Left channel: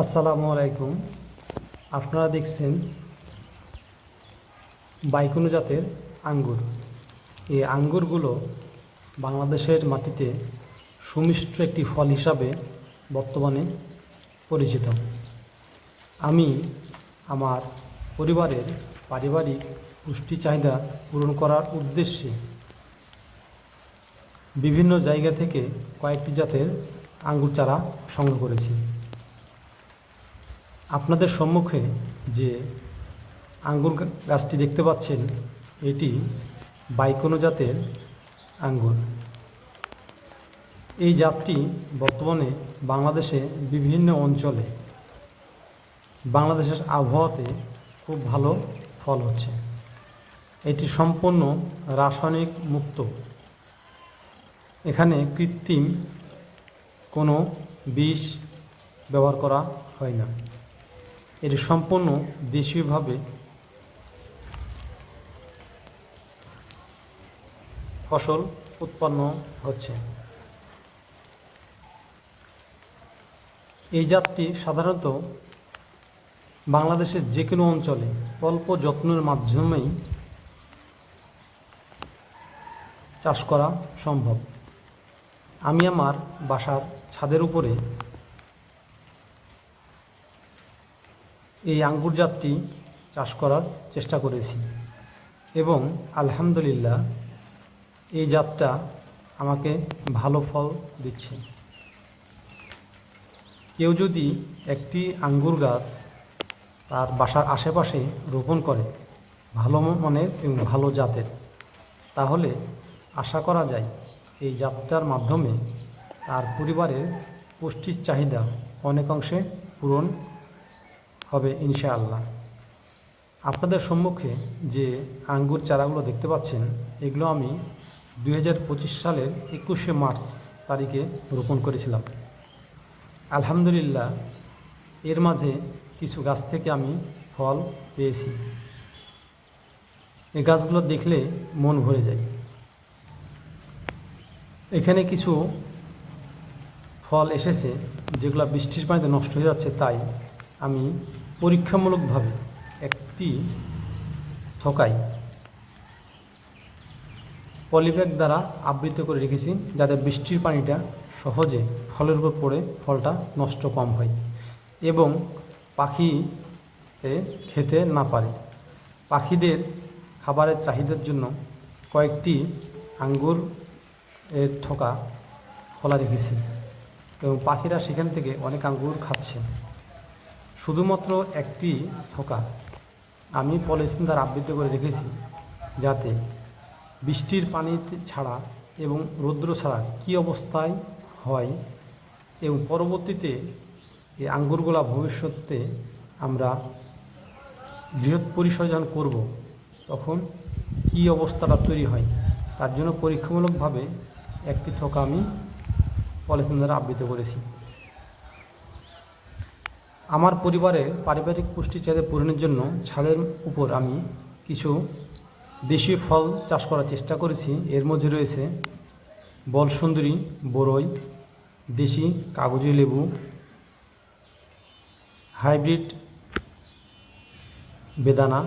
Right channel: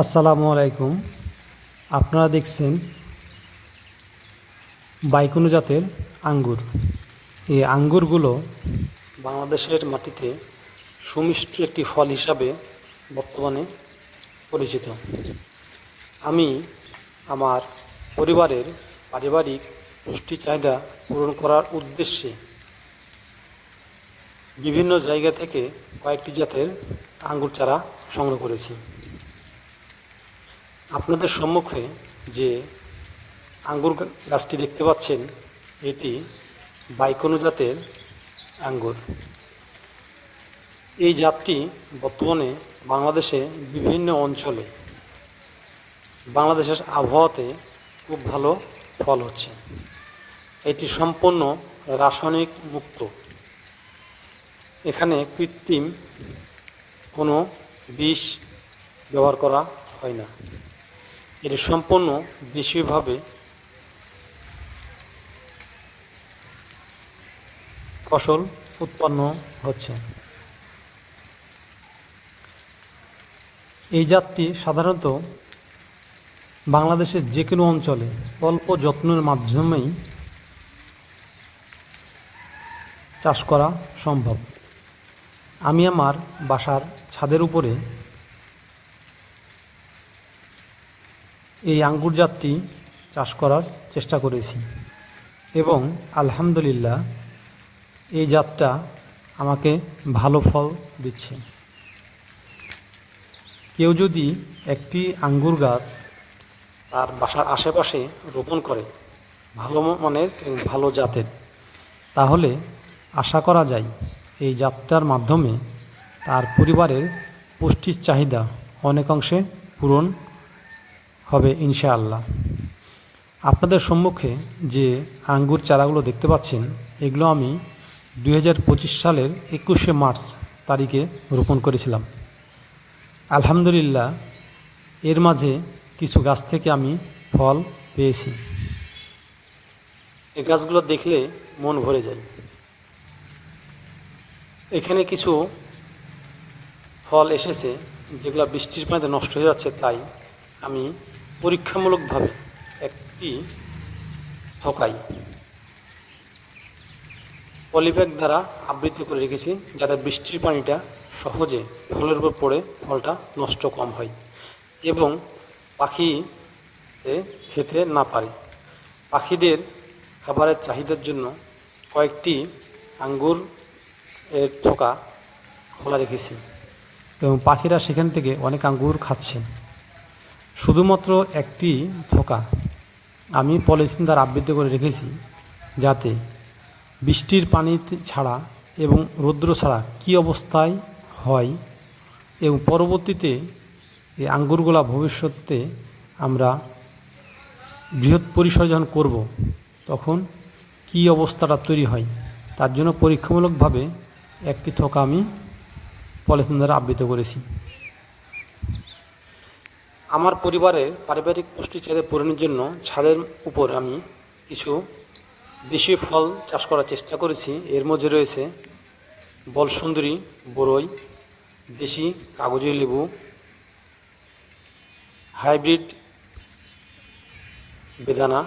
আসসালামু আলাইকুম। আপনারা দেখছেন বাইকুনো জাতের আঙ্গুর। এই আঙ্গুরগুলো বাংলাদেশের মাটিতে সুমিষ্ট একটি ফল হিসাবে বর্তমানে পরিচিত। আমি আমার পরিবারের পারিবারিক পুষ্টি চাহিদা পূরণ করার উদ্দেশ্যে বিভিন্ন জায়গা থেকে কয়েকটি জাতের আঙ্গুর চারা সংগ্রহ করেছি। আপনাদের সম্মুখে যে আঙ্গুর গাছটি দেখতে পাচ্ছেন, এটি বাইকুনো জাতের আঙ্গুর। এই জাতটি বর্তমানে বাংলাদেশে বিভিন্ন অঞ্চলে বাংলাদেশের আবহাওয়াতে খুব ভালো ফল হচ্ছে। এটি সম্পূর্ণ রাসায়নিক মুক্ত। এখানে কৃত্রিম কোনো বিষ ব্যবহার করা হয় না। এটি সম্পূর্ণ দেশীয়ভাবে ফসল উৎপন্ন হচ্ছে। এই জাতটি সাধারণত বাংলাদেশের যে কোনো অঞ্চলে অল্প যত্নের মাধ্যমেই চাষ করা সম্ভব। আমি আমার বাসার ছাদের উপরে এই আঙ্গুর জাতটি চাষ করার চেষ্টা করেছি এবং আলহামদুলিল্লাহ এই জাতটা আমাকে ভালো ফল দিচ্ছে। কেউ যদি একটি আঙ্গুর গাছ তার বাসার আশেপাশে রোপণ করে ভালো মানের এবং ভালো জাতের, তাহলে আশা করা যায় এই জাতটার মাধ্যমে তার পরিবারের পুষ্টির চাহিদা অনেকাংশে পূরণ হবে ইনশাআল্লাহ। আপনাদের সম্মুখে যে আঙ্গুর চারাগুলো দেখতে পাচ্ছেন, এগুলো আমি 2025 সালের 21শে মার্চ তারিখে রোপণ করেছিলাম। আলহামদুলিল্লাহ এর মাঝে কিছু গাছ থেকে আমি ফল পেয়েছি। এই গাছগুলো দেখলে মন ভরে যায়। এখানে কিছু ফল এসেছে যেগুলো বৃষ্টির পানিতে নষ্ট হয়ে যাচ্ছে, তাই আমি পরীক্ষামূলকভাবে একটি থোকায় পলিব্যাগ দ্বারা আবৃত করে রেখেছি, যাতে বৃষ্টির পানিটা সহজে ফলের উপর পড়ে ফলটা নষ্ট কম হয় এবং পাখি খেতে না পারে। পাখিদের খাবারের চাহিদার জন্য কয়েকটি আঙ্গুর এর থোকা খোলা রেখেছি এবং পাখিরা সেখান থেকে অনেক আঙ্গুর খাচ্ছে। শুধুমাত্র একটি থোকা আমি পলিথিন দ্বারা আবৃত করে রেখেছি, যাতে বৃষ্টির পানি ছাড়া এবং রৌদ্র ছাড়া কী অবস্থায় হয় এবং পরবর্তীতে এই আঙ্গুরগুলা ভবিষ্যতে আমরা বৃহৎ পরিসরে যখন করব, তখন কী অবস্থাটা তৈরি হয়, তার জন্য পরীক্ষামূলকভাবে একটি থোকা আমি পলিথিন দ্বারা আবৃত করেছি। আমার পরিবারের পারিবারিক পুষ্টি চাহিদা পূরণের জন্য ছাদের উপর আমি কিছু দেশীয় ফল চাষ করার চেষ্টা করেছি। এর মধ্যে রয়েছে বলসুন্দরী, বরই, দেশি কাগজি লেবু, হাইব্রিড বেদানা।